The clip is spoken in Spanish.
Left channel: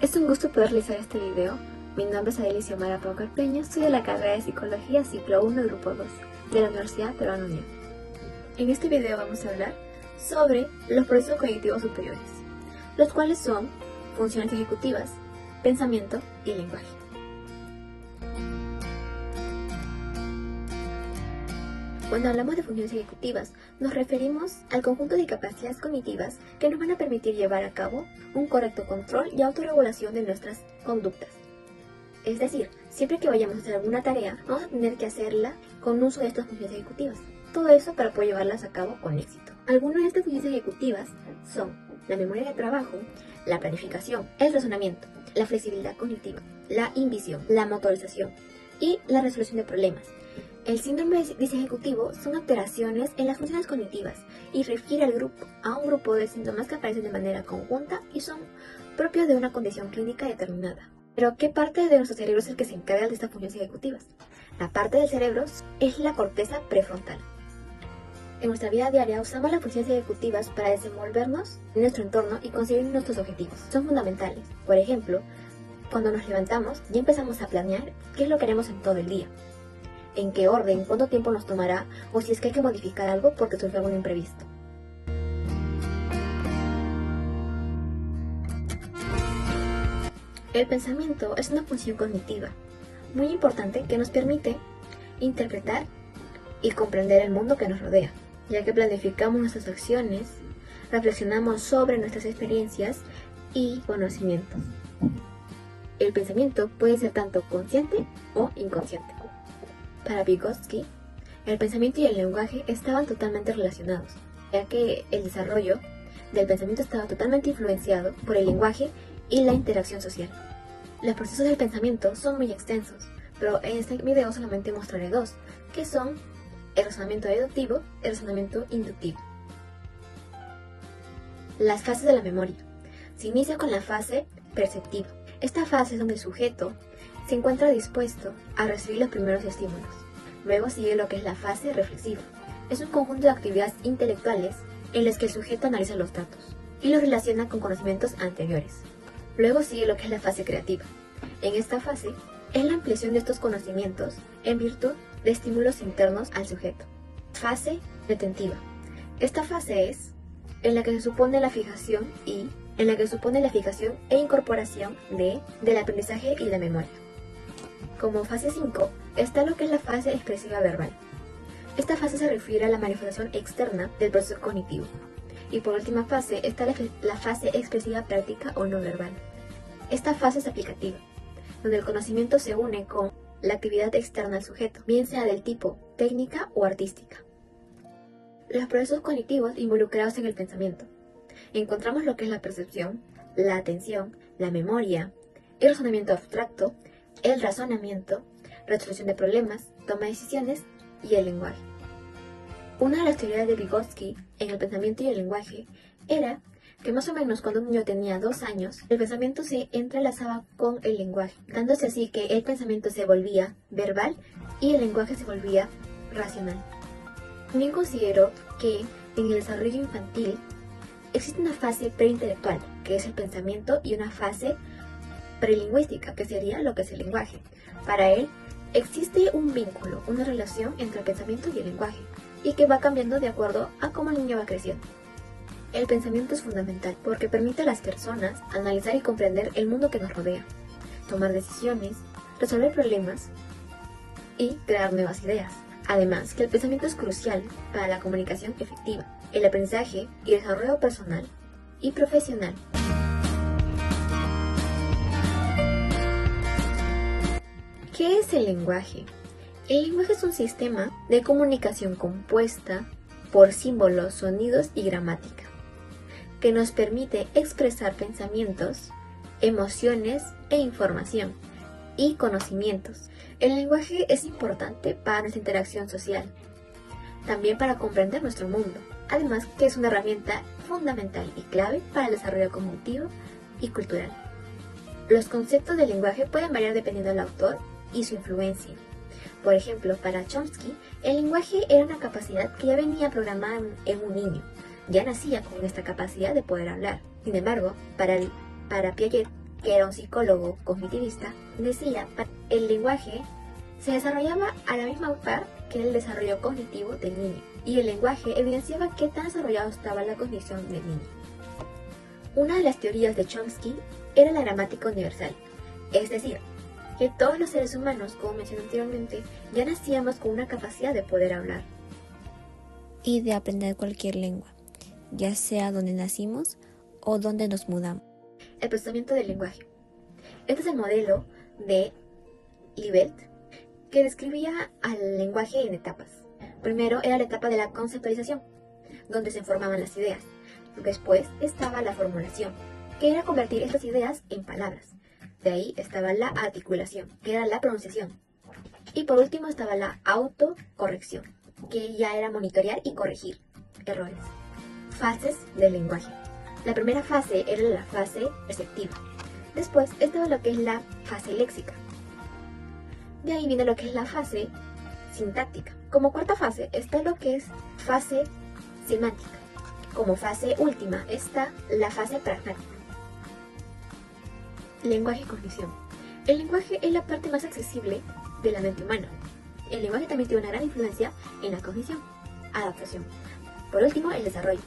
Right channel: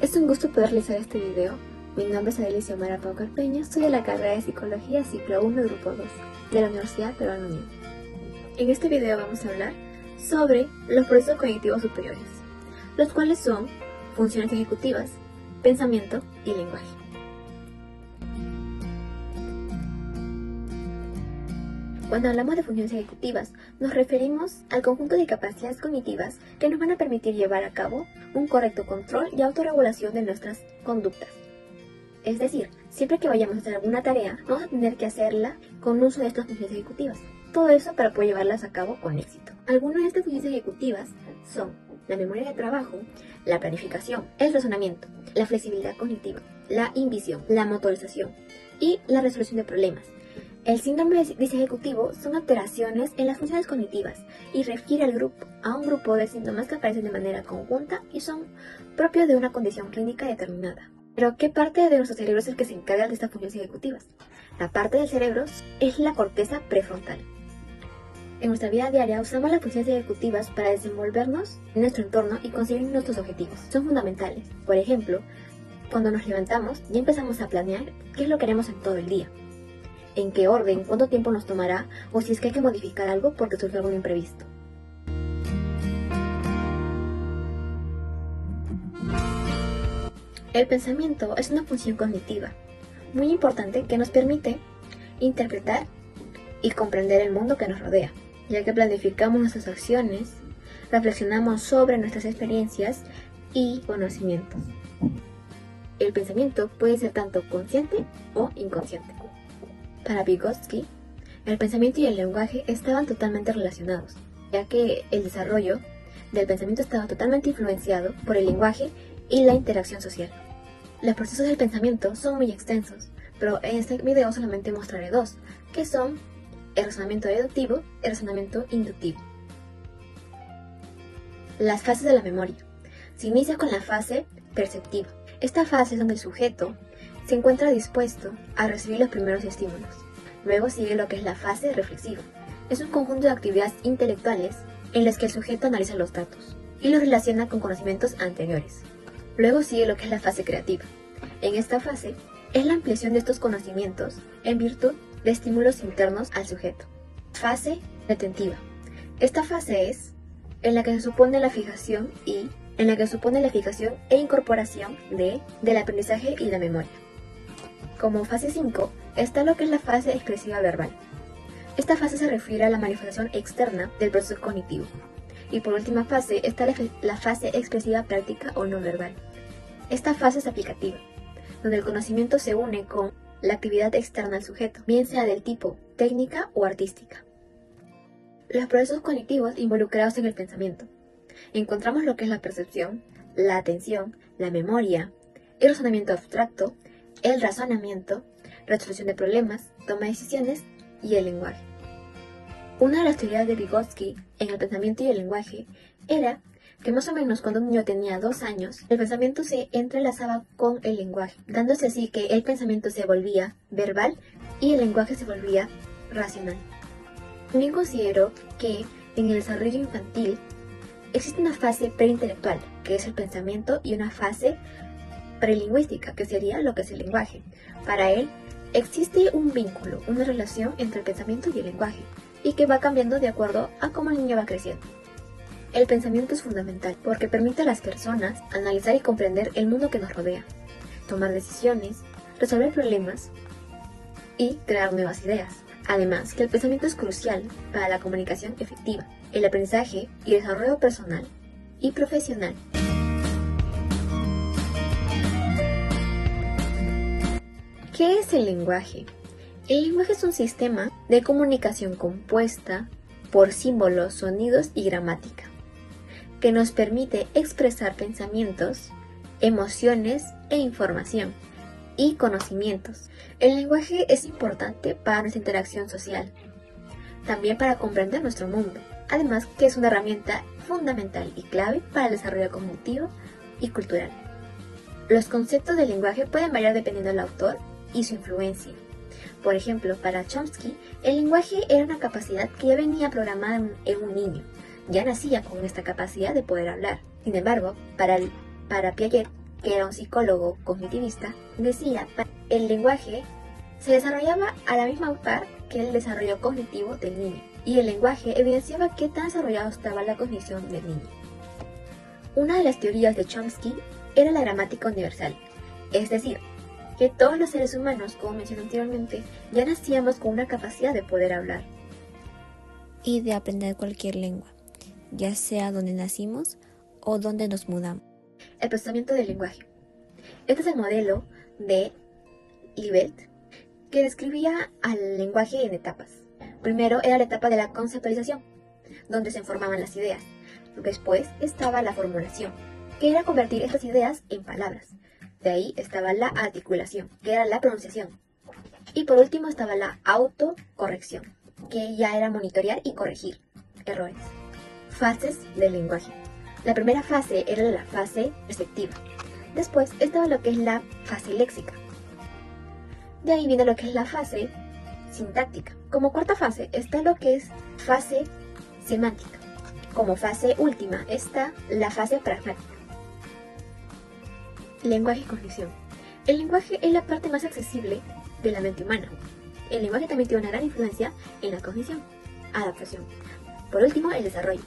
Es un gusto poder realizar este video. Mi nombre es Adelicia Mara Paucar Peña, soy de la carrera de Psicología Ciclo 1 Grupo 2 de la Universidad Peruana Unión. En este video vamos a hablar sobre los procesos cognitivos superiores, los cuales son funciones ejecutivas, pensamiento y lenguaje. Cuando hablamos de funciones ejecutivas, nos referimos al conjunto de capacidades cognitivas que nos van a permitir llevar a cabo un correcto control y autorregulación de nuestras conductas. Es decir, siempre que vayamos a hacer alguna tarea, vamos a tener que hacerla con uso de estas funciones ejecutivas. Todo eso para poder llevarlas a cabo con éxito. Algunas de estas funciones ejecutivas son la memoria de trabajo, la planificación, el razonamiento, la flexibilidad cognitiva, la invisión, la motorización y la resolución de problemas. El síndrome de déficit ejecutivo son alteraciones en las funciones cognitivas y refiere a un grupo de síntomas que aparecen de manera conjunta y son propios de una condición clínica determinada. Pero, ¿qué parte de nuestro cerebro es el que se encarga de estas funciones ejecutivas? La parte del cerebro es la corteza prefrontal. En nuestra vida diaria usamos las funciones ejecutivas para desenvolvernos en nuestro entorno y conseguir nuestros objetivos. Son fundamentales. Por ejemplo, cuando nos levantamos ya empezamos a planear qué es lo que haremos en todo el día. En qué orden, cuánto tiempo nos tomará o si es que hay que modificar algo porque surge algún imprevisto. El pensamiento es una función cognitiva muy importante que nos permite interpretar y comprender el mundo que nos rodea, ya que planificamos nuestras acciones, reflexionamos sobre nuestras experiencias y conocimientos. El pensamiento puede ser tanto consciente o inconsciente. Para Vygotsky, el pensamiento y el lenguaje estaban totalmente relacionados, ya que el desarrollo del pensamiento estaba totalmente influenciado por el lenguaje y la interacción social. Los procesos del pensamiento son muy extensos, pero en este video solamente mostraré dos, que son el razonamiento deductivo y el razonamiento inductivo. Las fases de la memoria. Se inicia con la fase perceptiva. Esta fase es donde el sujeto se encuentra dispuesto a recibir los primeros estímulos. Luego sigue lo que es la fase reflexiva. Es un conjunto de actividades intelectuales en las que el sujeto analiza los datos y los relaciona con conocimientos anteriores. Luego sigue lo que es la fase creativa. En esta fase es la ampliación de estos conocimientos en virtud de estímulos internos al sujeto. Fase retentiva. Esta fase es en la que se supone la fijación e incorporación del aprendizaje y la memoria. Como fase 5 está lo que es la fase expresiva verbal. Esta fase se refiere a la manifestación externa del proceso cognitivo. Y por última fase está la fase expresiva práctica o no verbal. Esta fase es aplicativa, donde el conocimiento se une con la actividad externa al sujeto, bien sea del tipo técnica o artística. Los procesos cognitivos involucrados en el pensamiento. Encontramos lo que es la percepción, la atención, la memoria, el razonamiento abstracto, el razonamiento, resolución de problemas, toma de decisiones y el lenguaje. Una de las teorías de Vygotsky en el pensamiento y el lenguaje era que más o menos cuando un niño tenía 2 años, el pensamiento se entrelazaba con el lenguaje, dándose así que el pensamiento se volvía verbal y el lenguaje se volvía racional. También consideró que en el desarrollo infantil existe una fase preintelectual, que es el pensamiento, y una fase prelingüística, que sería lo que es el lenguaje. Para él, existe un vínculo, una relación entre el pensamiento y el lenguaje, y que va cambiando de acuerdo a cómo el niño va creciendo. El pensamiento es fundamental porque permite a las personas analizar y comprender el mundo que nos rodea, tomar decisiones, resolver problemas y crear nuevas ideas. Además, que el pensamiento es crucial para la comunicación efectiva, el aprendizaje y desarrollo personal y profesional. ¿Qué es el lenguaje? El lenguaje es un sistema de comunicación compuesta por símbolos, sonidos y gramática, que nos permite expresar pensamientos, emociones e información y conocimientos. El lenguaje es importante para nuestra interacción social, también para comprender nuestro mundo, además que es una herramienta fundamental y clave para el desarrollo cognitivo y cultural. Los conceptos del lenguaje pueden variar dependiendo del autor y su influencia. Por ejemplo, para Chomsky, el lenguaje era una capacidad que ya venía programada en un niño. ya nacía con esta capacidad de poder hablar. Sin embargo, para Piaget, que era un psicólogo cognitivista, decía que el lenguaje se desarrollaba a la misma par que el desarrollo cognitivo del niño, y el lenguaje evidenciaba qué tan desarrollado estaba la cognición del niño. Una de las teorías de Chomsky era la gramática universal, es decir, que todos los seres humanos, como mencioné anteriormente, ya nacíamos con una capacidad de poder hablar y de aprender cualquier lengua, ya sea donde nacimos o donde nos mudamos. El procesamiento del lenguaje. Este es el modelo de Libet que describía al lenguaje en etapas. Primero era la etapa de la conceptualización, donde se formaban las ideas. Después estaba la formulación, que era convertir estas ideas en palabras. De ahí estaba la articulación, que era la pronunciación. Y por último estaba la autocorrección, que ya era monitorear y corregir errores. Fases del lenguaje. La primera fase era la fase receptiva. Después estaba lo que es la fase léxica. De ahí viene lo que es la fase sintáctica. Como cuarta fase está lo que es fase semántica. Como fase última está la fase pragmática. Lenguaje y cognición. El lenguaje es la parte más accesible de la mente humana. El lenguaje también tiene una gran influencia en la cognición, adaptación. Por último, el desarrollo.